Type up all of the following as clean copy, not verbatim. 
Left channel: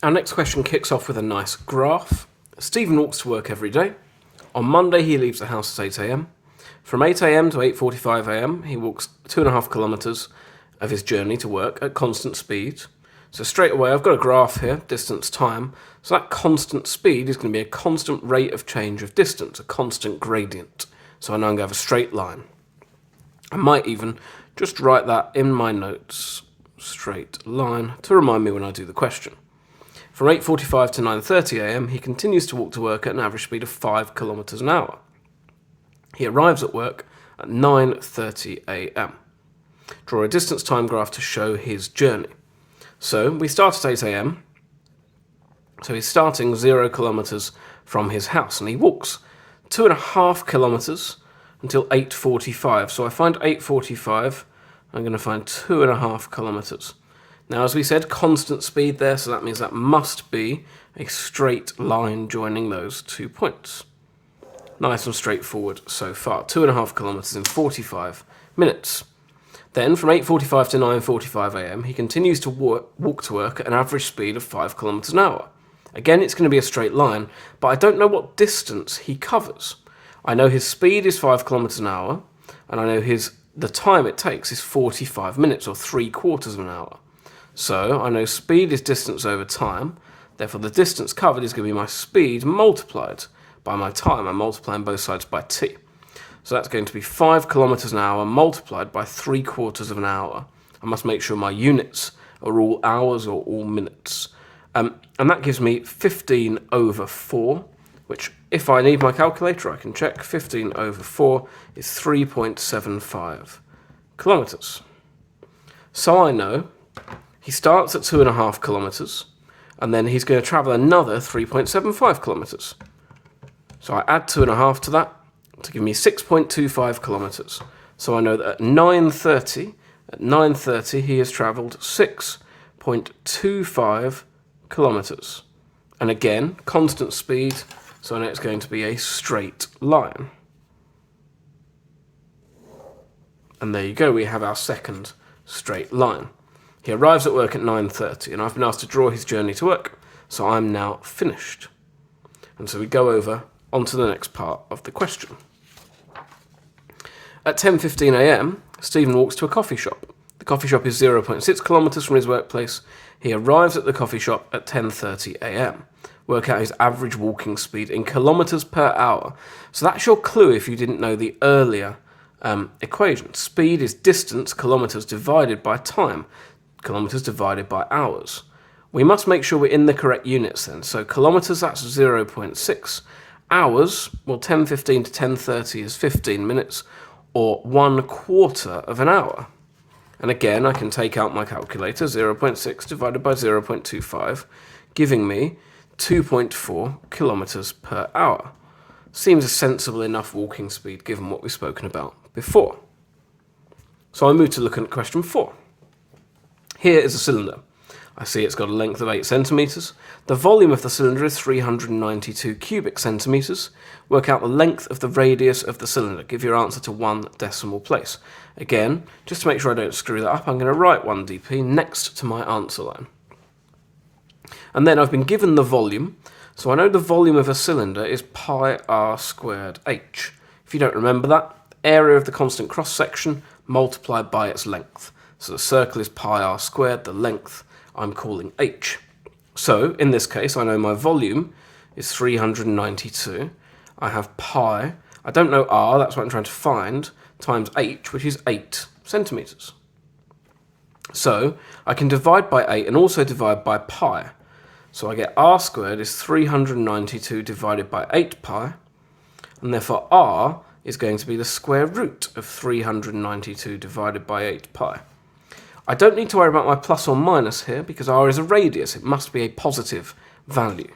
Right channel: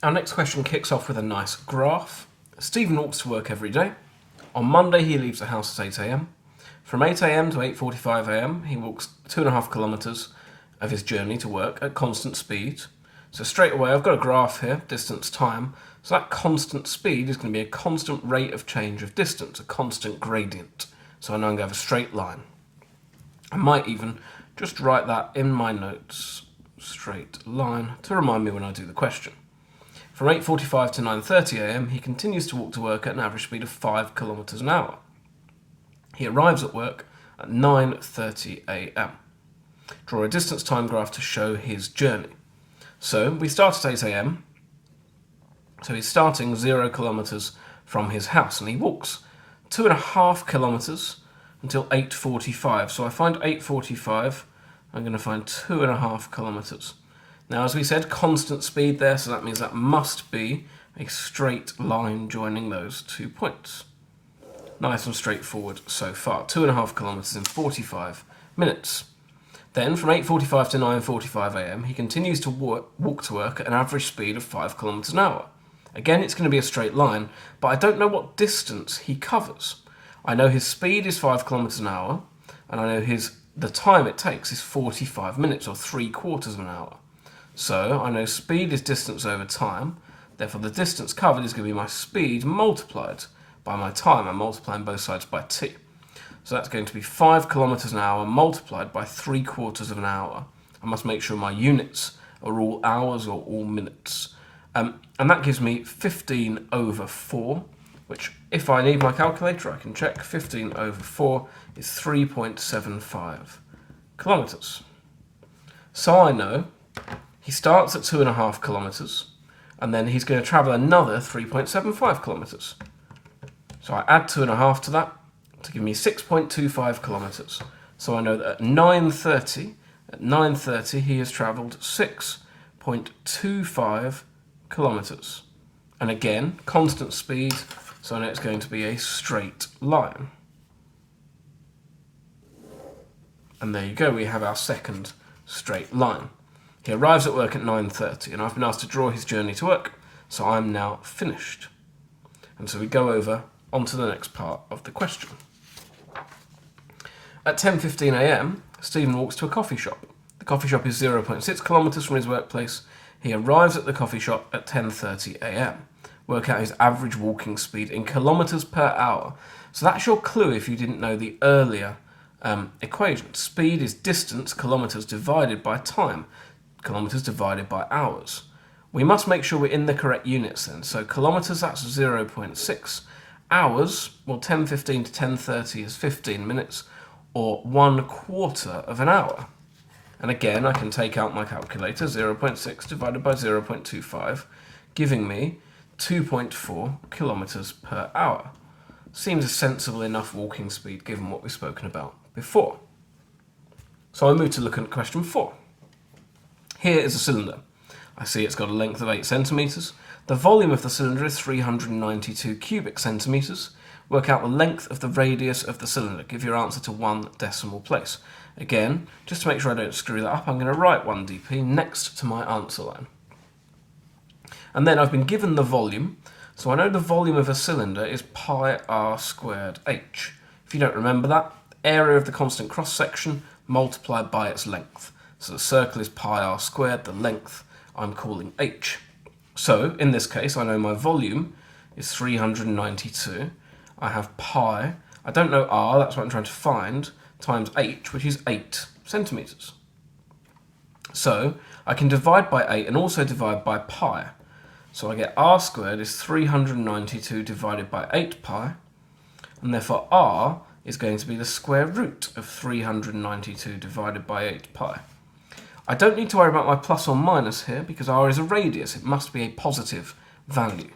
Our next question kicks off with a nice graph. Stephen walks to work every day. On Monday, he leaves the house at 8 a.m. From 8 a.m. to 8:45 a.m., he walks 2.5 kilometres of his journey to work at constant speed. So straight away, I've got a graph here, distance, time. So that constant speed is going to be a constant rate of change of distance, a constant gradient. So I know I'm going to have a straight line. I might even just write that in my notes, straight line, to remind me when I do the question. From 8:45 to 9:30 a.m, he continues to walk to work at an average speed of 5 kilometres an hour. He arrives at work at 9:30 a.m. Draw a distance time graph to show his journey. So we start at 8 a.m. So he's starting 0 kilometres from his house, and he walks 2.5 kilometres until 8:45. So I find 8:45, I'm going to find 2.5 kilometres. Now, as we said, constant speed there, so that means that must be a straight line joining those 2 points. Nice and straightforward so far. 2.5 kilometres in 45 minutes. Then, from 8:45 to 9:45 a.m, he continues to walk to work at an average speed of 5 kilometres an hour. Again, it's going to be a straight line, but I don't know what distance he covers. I know his speed is 5 kilometres an hour, and I know the time it takes is 45 minutes, or 3/4 of an hour. So I know speed is distance over time, therefore the distance covered is going to be my speed multiplied by my time. I'm multiplying both sides by t. So that's going to be 5 kilometres an hour multiplied by 3/4 of an hour. I must make sure my units are all hours or all minutes. And that gives me 15 over 4, which if I need my calculator, I can check. 15 over 4 is 3.75 kilometres. So I know he starts at 2.5 kilometres, and then he's going to travel another 3.75 kilometres. So I add 2.5 to that to give me 6.25 kilometres. So I know that at 9:30 he has travelled 6.25 kilometres. And again, constant speed, so I know it's going to be a straight line. And there you go, we have our second straight line. He arrives at work at 9:30, and I've been asked to draw his journey to work, so I'm now finished. And so we go over onto the next part of the question. At 10:15 a.m, Stephen walks to a coffee shop. The coffee shop is 0.6 kilometres from his workplace. He arrives at the coffee shop at 10:30 a.m. Work out his average walking speed in kilometres per hour. So that's your clue if you didn't know the earlier equation. Speed is distance, kilometres, divided by time. Kilometres divided by hours. We must make sure we're in the correct units then. So kilometres, that's 0.6. Hours, well, 10:15 to 10:30 is 15 minutes, or 1/4 of an hour. And again, I can take out my calculator, 0.6 divided by 0.25, giving me 2.4 kilometres per hour. Seems a sensible enough walking speed given what we've spoken about before. So I move to look at question 4. Here is a cylinder. I see it's got a length of 8 centimetres. The volume of the cylinder is 392 cubic centimetres. Work out the length of the radius of the cylinder. Give your answer to 1 decimal place. Again, just to make sure I don't screw that up, I'm going to write 1 dp next to my answer line. And then I've been given the volume. So I know the volume of a cylinder is pi r squared h. If you don't remember that, area of the constant cross-section multiplied by its length. So the circle is pi r squared, the length I'm calling h. So in this case, I know my volume is 392. I have pi, I don't know r, that's what I'm trying to find, times h, which is 8 centimetres. So I can divide by 8 and also divide by pi. So I get r squared is 392 divided by 8 pi, and therefore r is going to be the square root of 392 divided by 8 pi. I don't need to worry about my plus or minus here because r is a radius. It must be a positive value.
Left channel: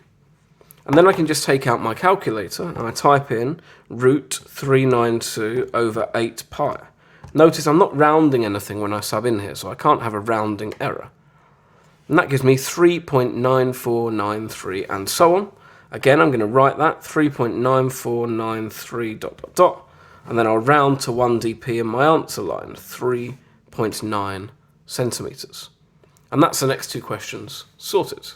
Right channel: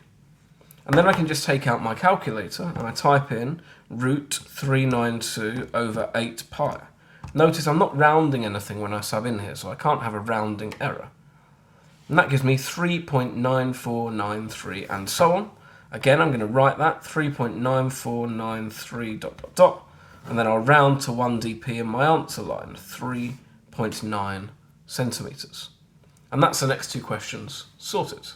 And then I can just take out my calculator and I type in root 392 over 8 pi. Notice I'm not rounding anything when I sub in here, so I can't have a rounding error. And that gives me 3.9493 and so on. Again, I'm going to write that 3.9493 ... and then I'll round to 1 dp in my answer line, 3.9 centimetres. And that's the next 2 questions sorted.